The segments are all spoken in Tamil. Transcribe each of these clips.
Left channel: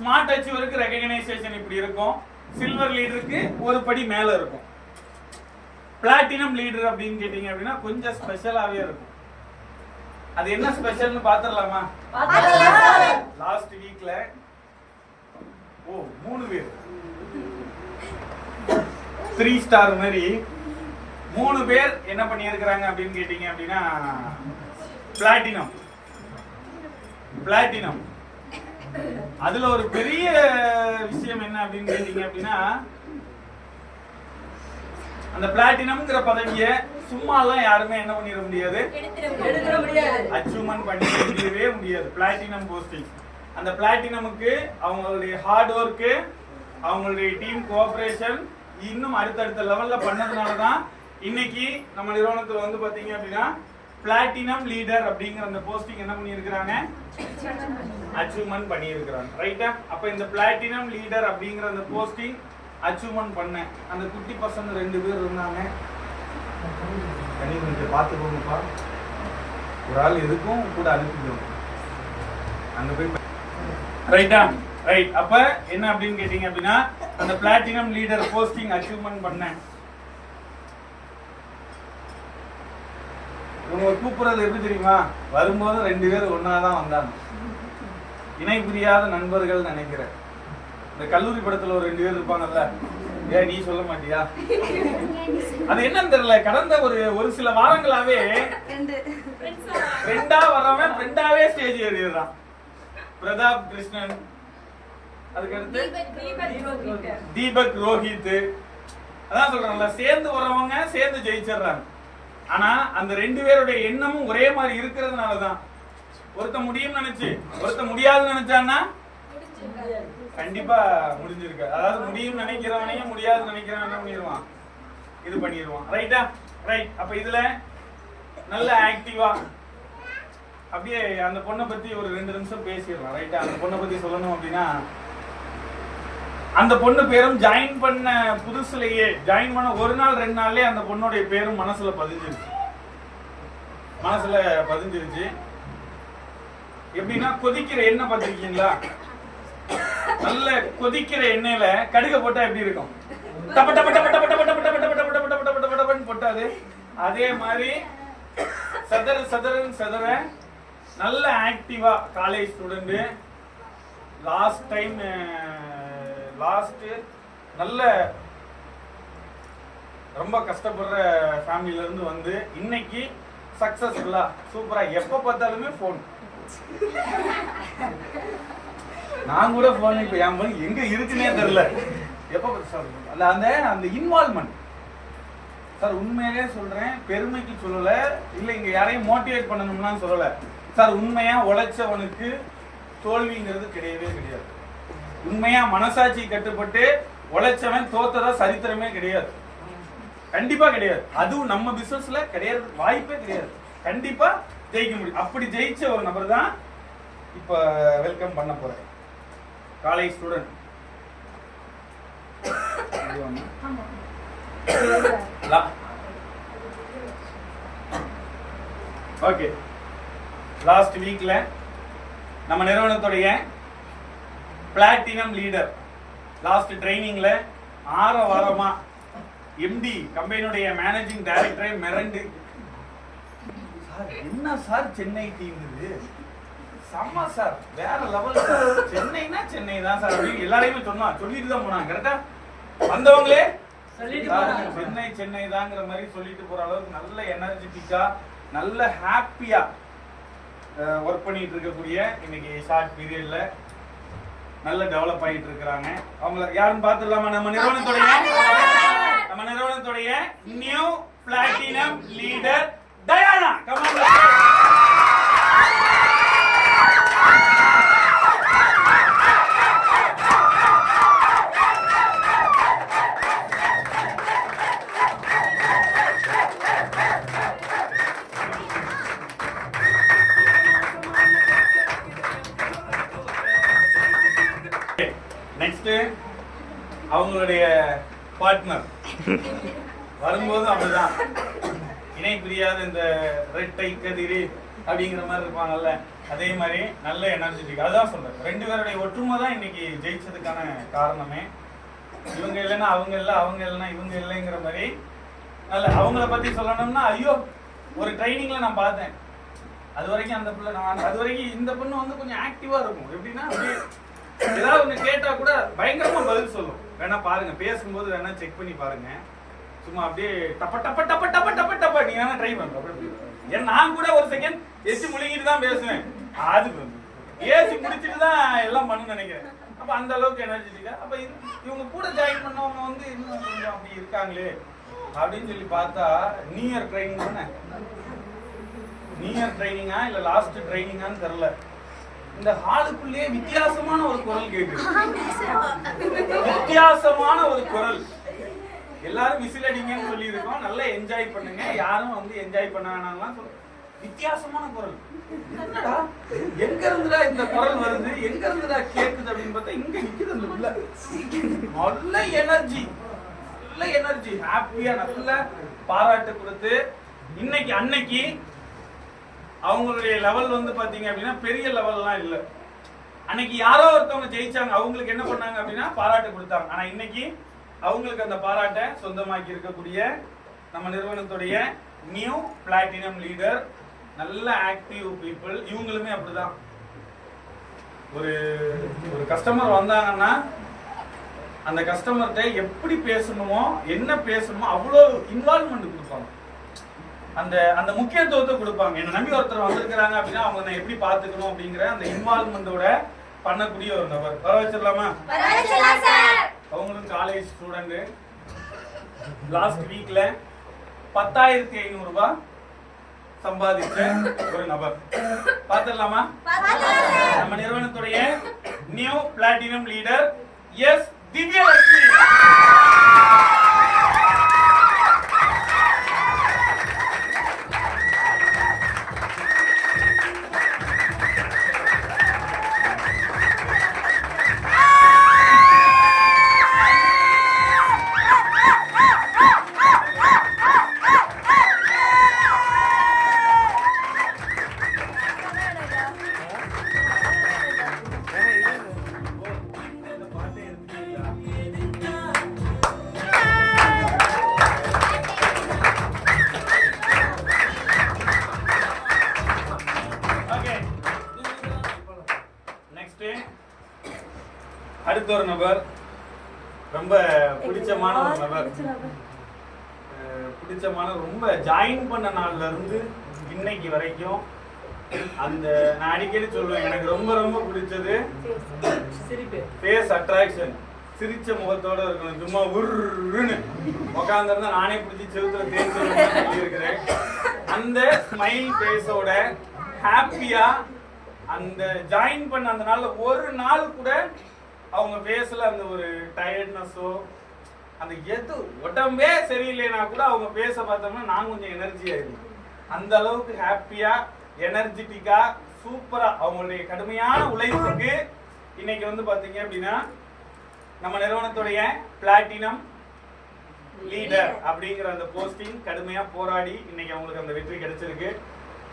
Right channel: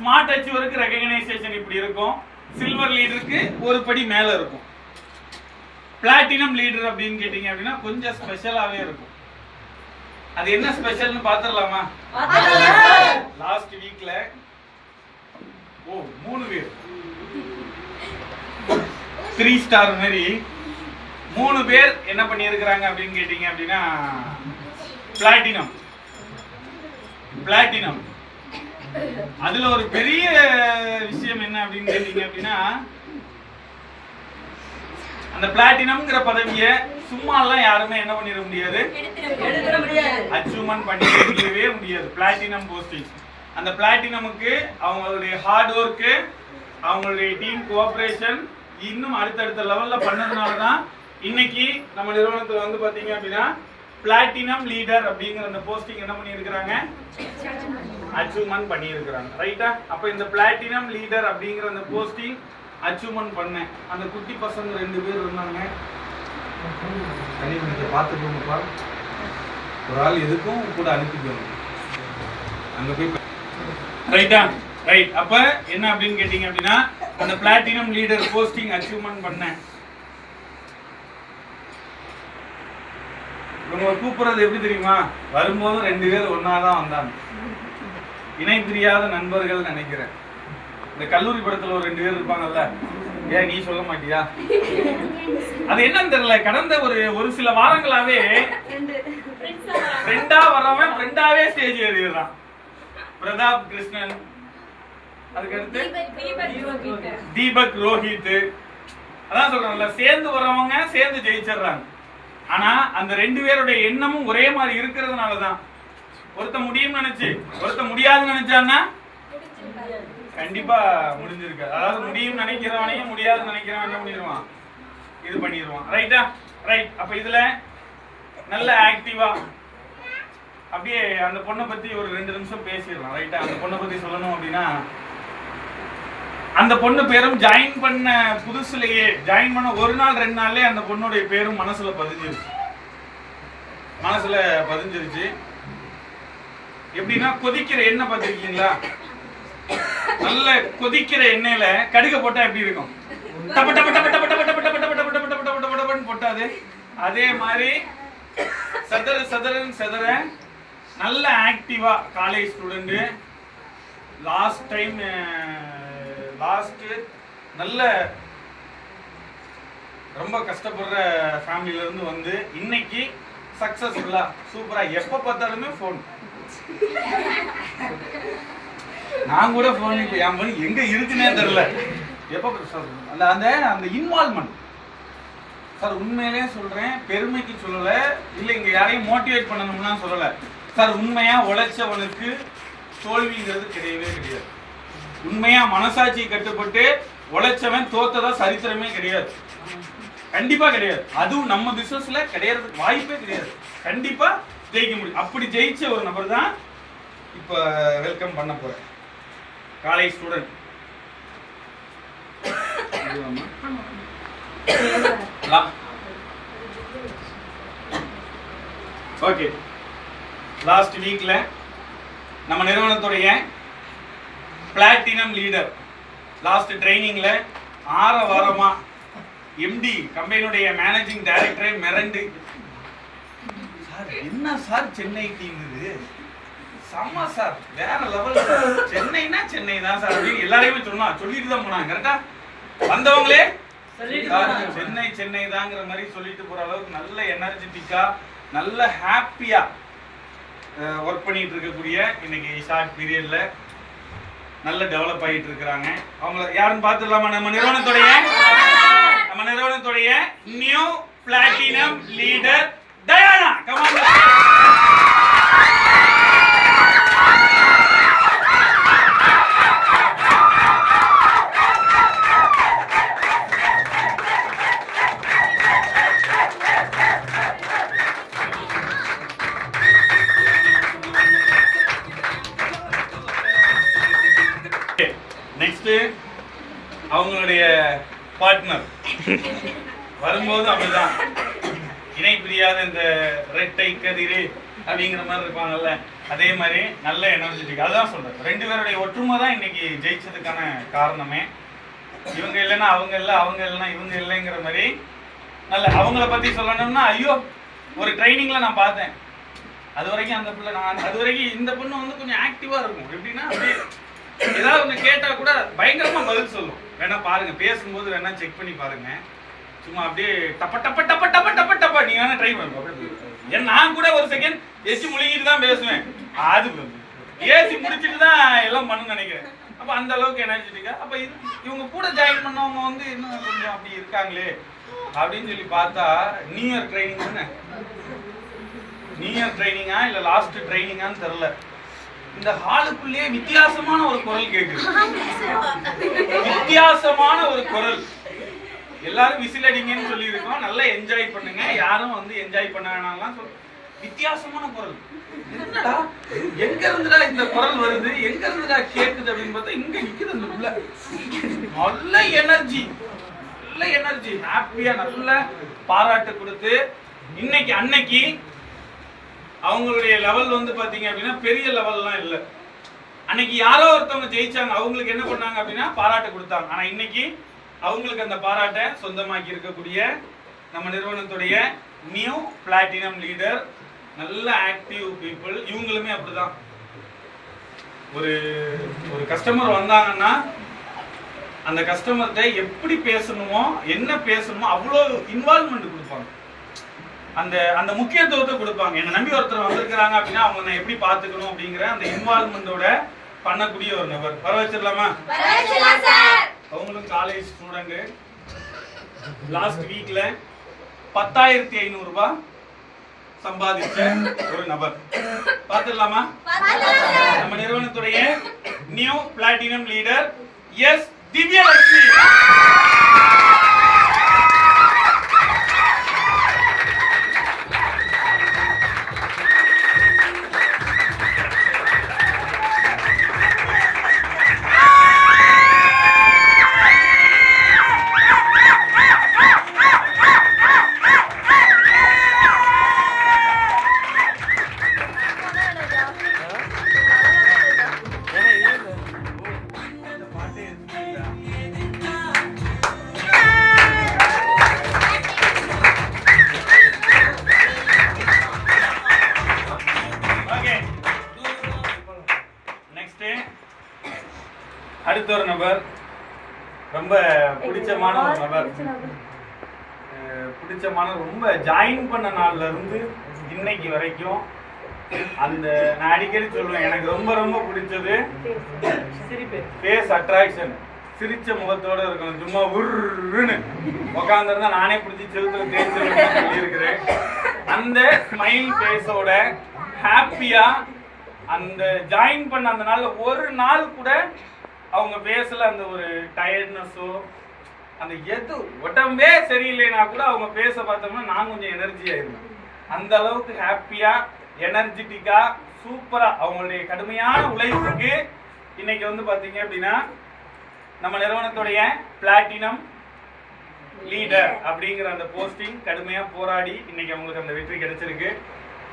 ஸ்மார்ட் அச்சீவருக்கு ரெகக்னைசேஷன் இப்படி இருக்கும். சில்வர் லீடருக்கு ஒரு படி மேல இருக்கும். பிளாட்டினம் லீடர் அப்படின்னு கேட்டீங்க அப்படின்னா கொஞ்சம் ஸ்பெஷலாவே இருக்கும். அது என்ன ஸ்பெஷல்னு பாத்துடலாமா? லாஸ்ட் வீக்ல 3 பேர் 3 ஸ்டார் மாதிரி 3 பேர் என்ன பண்ணியிருக்கிறாங்க அப்படின்னு கேட்டீங்க அப்படின்னா பிளாட்டினம். அதுல ஒரு பெரிய விஷயம் என்ன அப்படின்னு கேட்டீங்க அப்படின்னா அந்த பிளாட்டினம்ங்கிற பதவியை சும்மா எல்லாம் யாருமே என்ன பண்ணிட முடியாது, அச்சீவ்மெண்ட் பண்ணிடவே முடியாது. Platinum posting. அந்த பிளாட்டினமுக்கு அவங்களுடைய ஹார்ட் ஒர்க்கு, அவங்களுடைய டீம் கோஆபரேஷன் இன்னும் அடுத்தடுத்த லெவல்ல பண்ணதுனால தான் இன்னைக்கு நம்ம நிறுவனத்துல வந்து பாத்தீங்க அப்படின்னா பிளாட்டினம் லீடர் அப்படிங்கிற அந்த போஸ்டிங் என்ன பண்ணியிருக்கிறாங்க, அச்சீவ்மெண்ட் பண்ணியிருக்கிறாங்க. ரைட்டா? அப்ப இந்த பிளாட்டினம் லீடர் அப்படிங்கிற அந்த போஸ்டிங் அச்சீவ்மெண்ட் பண்ணேன். அந்த குட்டி பசங்க 2 பேர் இருந்தாங்க. பார்த்துக்கோங்கப்பா, ஒரு ஆள் எதுக்கும் கூட அனுப்பிக்கணும் அங்க போய். ரைட்டா? ரைட். அப்ப என்ன அப்படின்னு கேட்டீங்க அப்படின்னா அந்த பிளாட்டினம் லீடர் போஸ்டிங் அச்சீவ்மெண்ட் பண்ணேன். இவங்க கூப்பிடுறது எப்படி தெரியுமா? வரும்போது 2 பேர் ஒன்னாதான் வந்தாங்க. இணை பிரியாத நண்பர்கள் நினைக்கிறேன். இந்த கல்லூரி படத்துல ஒரு 2 பேர் இருப்பாங்கல்ல, ஏன் நீ சொல்ல மாட்டியா? அது என்னன்னு தெரியல, கடந்த ஒரு சில வாரங்களாவே ஃப்ரெண்டா வரவன் ஃப்ரெண்டாவே ஸ்டேஜ் ஏறிடுறான். பிரதாப் கிருஷ்ணன், அதுக்கடுத்து தீபக் ரோஹித். அதான் சொல்றாங்கல்ல, சேர்ந்து வரவங்க சேர்ந்து ஜெயிச்சிடுறாங்க. ஆனா அந்த 2 பேருடைய எண்ணமும் ஒரே மாதிரி இருக்கிறதுனாலதான் ஒருத்த முடியும் நினைச்சு ஒருத்த முடியாதுன்னு நினைச்சான்னா கண்டிப்பா முடிஞ்சிருக்கு. அதாவது முடியும் நினைக்கிறவனையும் முடியாது நினைக்கிறவன் என்ன பண்ணிடுவான், இது பண்ணிடுவான். ரைட்டா? ரைட். அப்ப இதுல நல்ல ஆக்டிவா அப்படியே அந்த பொண்ணை பத்தி ஒரு 2 நிமிஷம் பேசிடலாம். ரைட்டா? அந்த பொண்ணை பத்தி சொல்லணும் அப்படின்னா அந்த பொண்ணு பேரும் ஜாயின் பண்ண புதுசுலயே, ஜாயின் பண்ண 1 நாள் 2 நாள்லயே அந்த பொண்ணுடைய பேரும் மனசுல பதிஞ்சிருச்சு. எப்படின்னா கொதிக்கிற எண்ணெய் பார்த்திருக்கீங்களா? நல்ல கொதிக்கிற எண்ணெயில கடுக போட்டா எப்படி இருக்கும்? டப்ப டப்ப டப்ப டப்ப டப்ப டப்ப டப்ப டப்ப டப்ப டப்ப டப்ப டப்பன்னு போட்டாது. அதே மாதிரி சதற நல்ல ஆக்டிவா காலேஜ் ஸ்டூடெண்ட். லாஸ்ட் நல்ல ரொம்ப கஷ்டப்படுற ஃபேமிலில இருந்து வந்து இன்னைக்கு சக்சஸ்ஃபுல்லா சூப்பரா எப்ப பார்த்தாலுமே போன். நான் கூட போன் இப்ப என் பண்ணி எங்க இருக்குன்னே தெரியல. எப்ப அந்த இன்வால்வ்மெண்ட் சார், உண்மையிலே சொல்றேன், பெருமைக்கு சொல்லல, இல்ல இங்க யாரையும் மோட்டிவேட் பண்ணணும்னா சொல்லல சார். உண்மையா உழைச்சவனுக்கு தோல்விங்கிறது கிடையவே கிடையாது. உண்மையா மனசாட்சி கட்டுப்பட்டு உழைச்சவன் தோத்ததா சரித்திரமே கிடையாது. கண்டிப்பா கிடையாது. அதுவும் நம்ம பிசினஸ்ல கிடையாது, வாய்ப்பே கிடையாது. கண்டிப்பா ஜெயிக்க முடியும். அப்படி ஜெயிச்ச ஒரு நபர் தான் இப்ப வெல்கம் பண்ண போறேன். College student. ஓகே, லாஸ்ட் வீக்ல நம்ம நிறுவனத்துடைய பிளாட்டினம் லீடர் லாஸ்ட் ட்ரைனிங்ல 6 வாரமா எம்டி கம்பெனியுடைய மேனேஜிங் டைரக்டரே மிரண்டு, சார் என்ன சார் சென்னை டீம் இது, செம்ம சார், வேற லெவல் சார், சென்னைனா சென்னை தான் சார் அப்படின்னு எல்லாரையுமே சொல்லிட்டு தான் போனாங்க. கரெக்டா? வந்தவங்களே சென்னை தாங்கிற மாதிரி சொல்லிட்டு போற அளவுக்கு நல்ல எனர்ஜெட்டிக்கா நல்ல ஹாப்பியா ஒர்க் பண்ணிட்டு இருக்கக்கூடிய இன்னைக்கு ஷார்ட் பீரியட்ல நல்ல டெவலப் ஆகிட்டு இருக்கிறாங்க. அவங்கள யாருன்னு பார்த்துடலாமா? நம்ம நிறுவனத்துடைய new platinum leader Diana. Come on. Next அவங்களுடைய பார்ட்னர் வரும்போது அப்படிதான் இணை பிரியாத இந்த ரெட்டை கதிரு அப்படிங்கிற மாதிரி இருப்பாங்கல்ல, அதே மாதிரி நல்ல எனர்ஜெட்டிக். அதுதான் சொல்றேன், 2 பேருடைய ஒற்றுமை தான் இன்னைக்கு ஜெயிச்சதுக்கான காரணமே. இவங்க இல்லைன்னா அவங்க இல்லை, அவங்க இல்லைன்னா இவங்க இல்லைங்கிற மாதிரி. நல்ல அவங்கள பத்தி சொல்லணும்னா, ஐயோ ஒரு ட்ரைனிங்ல நான் பார்த்தேன், அது வரைக்கும் அந்த பிள்ளை அது வரைக்கும் இந்த பொண்ணு வந்து கொஞ்சம் ஆக்டிவா இருக்கும். எப்படின்னா ஏதாவது ஒன்று கேட்டா கூட பயங்கரமா பதில் சொல்லும். வேணா பாருங்க, பேசும்போது வேணா செக் பண்ணி பாருங்க. சும்மா அப்படியே டப்ப டப்ப டப்ப டப்ப டப்ப டப்ப நீங்க வேணா ட்ரை பண்ணுங்க. அப்படி நான் கூட ஒரு செகண்ட் எச்சு முழுங்கிட்டு தான் பேசுவேன். அது ஏசி முடிச்சுட்டு தான் எல்லாம் பண்ணு நினைக்கிறேன். அப்ப அந்த அளவுக்கு எனர்ஜெட்டிக்கா. அப்ப இவங்க கூட ஜாயின் பண்ணவங்க வந்து இன்னும் கொஞ்சம் அப்படி இருக்காங்களே அப்படின்னு சொல்லி பார்த்தா, நியூ இயர் ட்ரைனிங் தானே. நியூ இயர் ட்ரைனிங்கா இல்ல லாஸ்ட் ட்ரைனிங்கான்னு தெரியல. இந்த ஹாலுக்குள்ளே வித்தியாசமான ஒரு குரல் கேக்குது. வித்தியாசமான ஒரு குரல். எல்லாரும் விசில் அடிங்கன்னு சொல்லி இருக்கோம், நல்லா என்ஜாய் பண்ணுங்க, யாரும் வந்து என்ஜாய் பண்ண வேணாம்லாம் சொல்ல. வித்தியாசமான குரல். என்னடா எங்க இருந்துடா இந்த குரல் வருது, எங்க இருந்துடா கேக்குது அப்படின்னு பார்த்தா இங்க நிக்குது அந்த புள்ள. நல்ல எனர்ஜி, நல்ல எனர்ஜி, ஹாப்பியா நல்ல பாராட்டு கொடுத்து இன்னைக்கு அன்னைக்கு அவங்களுடைய லெவல் வந்து பாத்தீங்க அப்படின்னா பெரிய லெவல்லாம் இல்ல. அன்னைக்கு யாரோ ஒருத்தவங்க ஜெயிச்சாங்க, அவங்களுக்கு என்ன பண்ணாங்க அப்படின்னா பாராட்டு கொடுத்தாங்க. ஆனா இன்னைக்கு அவங்களுக்கு அந்த பாராட்டை சொந்தமாக்கி இருக்கக்கூடிய நம்ம நிறுவனத்துடைய நியூ பிளாட்டினம் லீடர், நல்ல ஆக்டிவ் பீப்புள். இவங்களுமே அப்படிதான். ஒரு ஒரு கஸ்டமர் வந்தாங்கன்னா அந்த கஸ்டமர்கிட்ட எப்படி பேசணுமோ என்ன பேசணுமோ அவ்வளோ இன்வால்வ்மெண்ட் கொடுப்பாங்க. அந்த அந்த முக்கியத்துவத்தை கொடுப்பாங்க. என்ன நம்பி ஒருத்தர் வந்திருக்கிறாங்க அப்படின்னா அவங்க நான் எப்படி பார்த்துக்கணும் அப்படிங்கிற அந்த இன்வால்வ்மெண்டோட பண்ணக்கூடிய ஒரு நபர். வர வச்சிடலாமா? அவங்களும் காலேஜ் ஸ்டூடெண்ட். லாஸ்ட் வீக்ல 10,500 ரூபாய் சம்பாதிச்ச ஒரு நபர். பார்த்துடலாமா? நம்ம நிறுவனத்துடைய new platinum leader S Divyalakshmi. அடுத்த ஒரு நபர், ரொம்ப பிடிச்சமான ஒரு நபர். பிடிச்சமான ரொம்ப ஜாயின் பண்ண நாள்ல இருந்து இன்னைக்கு வரைக்கும் அந்த நான் அடிக்கடி சொல்லுவேன், எனக்கு ரொம்ப ரொம்ப பிடிச்சது ஃபேஸ் அட்ராக்ஷன். சிரிச்ச முகத்தோட இருக்கணும். சும்மா உருன்னு உட்காந்துருந்தா நானே பிடிச்சி செலுத்துல தேய்ச்சி சொல்லி இருக்கிறேன். அந்த ஸ்மைல் ஃபேஸோட ஹாப்பியா அந்த ஜாயின் பண்ண அந்த நாள்ல ஒரு நாள் கூட அவங்க ஃபேஸ்ல அந்த ஒரு டயர்ட்னஸோ அந்த எது உடம்பே சரியில்லைனா கூட அவங்க ஃபேஸ பார்த்தோம்னா நான் கொஞ்சம் எனர்ஜி ஆயிடும். அந்த அளவுக்கு ஹாப்பியா எனர்ஜெட்டிக்கா சூப்பரா அவங்களுடைய கடுமையான உழைப்புக்கு இன்னைக்கு வந்து பாத்தீங்க அப்படின்னா நம்ம நிறுவனத்துடைய பிளாட்டினம் லீடர் அப்படிங்கிற அந்த போஸ்டிங் கடுமையா போராடி இன்னைக்கு அவங்களுக்கு அந்த வெற்றி கிடைச்சிருக்கு.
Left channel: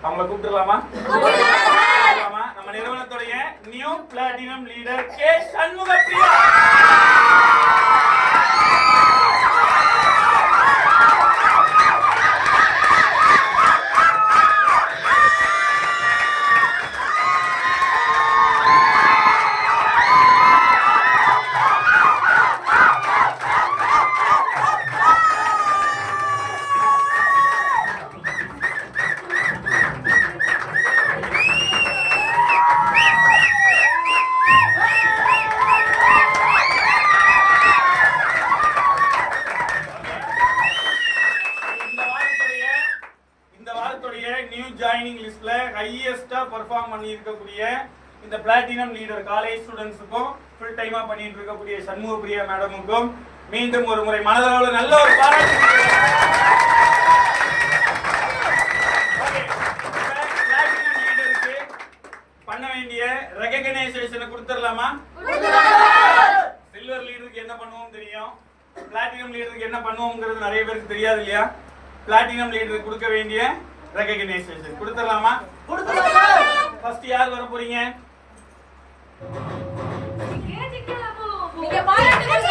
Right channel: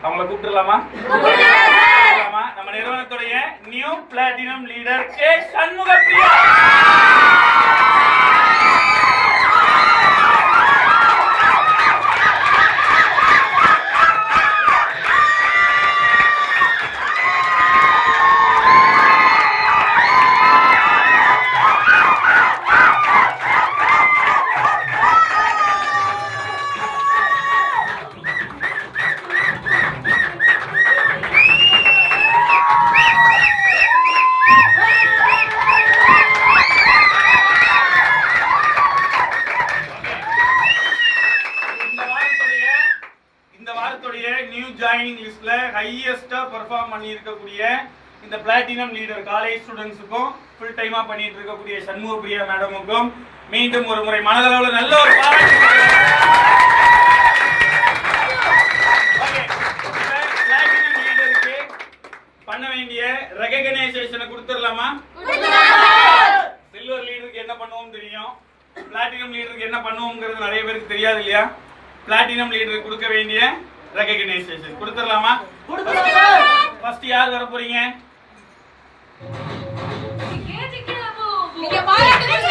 அவங்கள கூப்பிட்டுலாமா? நம்ம நிறுவனத்துடைய new platinum leader K Shanmugapriya. New joining லிஸ்ட்ல ஹையஸ்டா பெர்ஃபார்ம் பண்ணி இருக்கக்கூடிய இந்த பிளாட்டினம் லீடர் காலேஜ் ஸ்டூடண்ட்ஸுக்கும் ஃபுல் டைமா பண்ணிட்டு இருக்கக்கூடிய சண்முகப்பிரியா மேடமுக்கும் மீண்டும் ஒரு முறை மனதளவில் நல்ல ஒரு பாராட்டு. பிளாட்டினம் லீடருக்கு பண்ண வேண்டிய ரெகக்னைசேஷனை கொடுத்துடலாமா? சில்வர் லீடருக்கு என்ன பண்ணுவோம் தெரியும், பிளாட்டினம் லீடருக்கு என்ன பண்ணுவோம்ங்கிறது நிறைய பேருக்கு தெரியாது இல்லையா? பிளாட்டினம் லீடருக்கு கொடுக்க வேண்டிய ரெகக்னைசேஷன் கொடுத்துடலாமா? ஃபர்ஸ்ட் யார் வர போறீங்க? நீங்க பாராட்டுங்க